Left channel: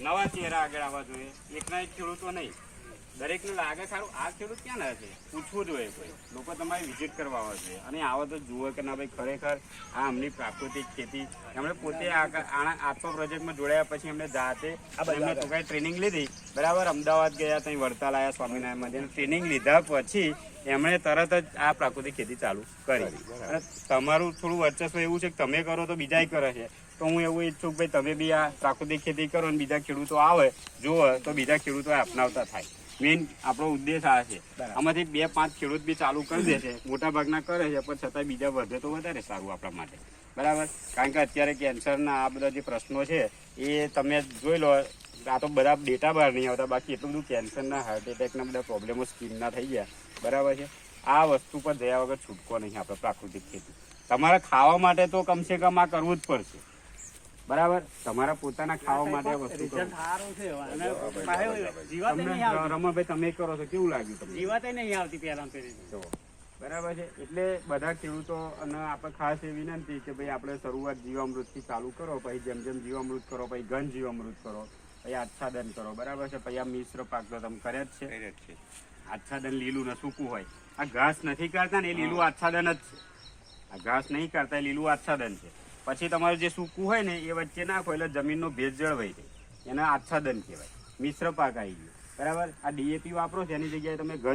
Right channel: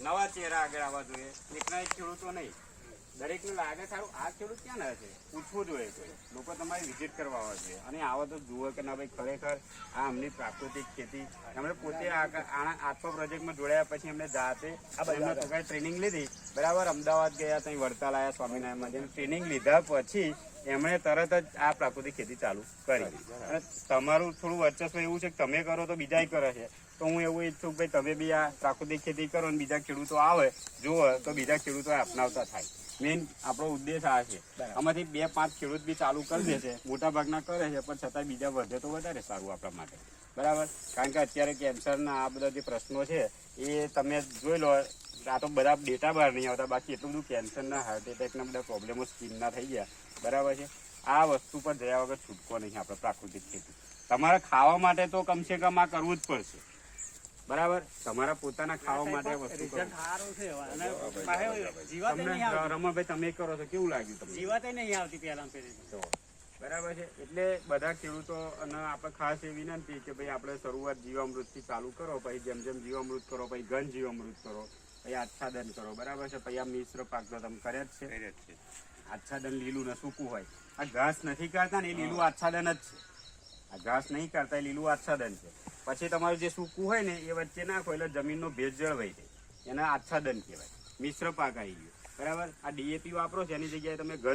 નવા ચહેરા આગળ આવવા જોઈએ, એકના એક ખેડૂતો નહીં. દરેકને લાગે સારું આ ખેડૂત ક્યાં ના છે, પૂછવું જોઈએ. કોઈ લોકો તમારી વિઝિટ કરવા આવે છે અને આવો તો જુઓ કે ના ભાઈ ખરેખર આ અમની પ્રાકૃતિક ખેતી. એમણે પોતે આત્મા પ્રોજેક્ટમાં જોડાયા પછી એમને જાતે એમને તો કઈ ટ્રેનિંગ લીધી, બરાબર. અમદાવાદ ગયા, ત્યાં વડતાલ આવ્યા, સ્વામિનારાયણ ટ્રેનિંગ લીધા પછી એમણે તરત જ આ પ્રાકૃતિક ખેતી ચાલુ કરી. અને તમારું થોડું વર્ચસ્વ એવું છે કે તમે કરો તો બીજા કરે છે, તો હું એવું ઈચ્છું કે ભાઈ તમે બી આ પ્રાકૃતિક ખેતી કરો અને બીજા ખેડૂતો આવે જુઓ તો બીજા ખેડૂતો અપનાવતા થાય. મેઇન આપણો ઉદ્દેશ આ છે. આમાંથી 2-5 ખેડૂત બી ચાલુ કરી દે છે, મોટા ભાગના કરે છે, પણ છતાં બીજા વધે તો વધારે સારું આપણા માટે, બરાબર. કારણ કે અત્યારે કેન્સરના આ બધા જે પ્રશ્નો છે એ તમે જોઈ લો. આ તો બધા ડેટા બહાર નહીં આવતા, બાકી એટલું બધું કેન્સરના, હાર્ટ એટેકના બધા પ્રોબ્લેમો સ્કિનના થઈ ગયા, બરાબર છે. આ વસ્તુ પર જયા વગર છૂટકો નહીં આપણે પ્રાકૃતિક ખેતી. તમારે ખાવા માટે તો કમસે કમ આ કરવું જ પડશે, બરાબર. તમારા પોતાના ખાવા માટે વસ્તુ રમણભાઈ તમે કરો છો, કેવું લાગ્યું? જીવાત નહીં આવતી પહેલા તો, બરાબર છે. એટલે બધા ખેડૂતો અને આપણે ખાસ એ વિનંતી કે ભાઈ આપણે શરૂઆત જીવામૃતથી ચાલુ કરો, પછી જેમ જેમ જીવામૃત કરો, પછી ઘન જીવામૃત કરો, પછી આચ્છાદન કરો, બરાબર છે. પછી આ મિશ્ર પાક તો તમે કરે જ છે. આચ્છાદન લીલું ને સૂકું હોય. આ ઘાસ નથી કરતા ને એ લીલું આચ્છાદન જ છે. આ ઘાસ નહીં કરતા એ લીલું આચ્છાદન છે. પછી તમારું જે સૂકું હોય ને એ વચ્ચે નાખો એટલે જમીનનો ભેજ જળવાઈ જાય, એના આચ્છાદન કહેવાય. મિશ્ર પાક આવી ગયો, બરાબર. આ ડીએપી વાપરો છો એની જગ્યાએ તમે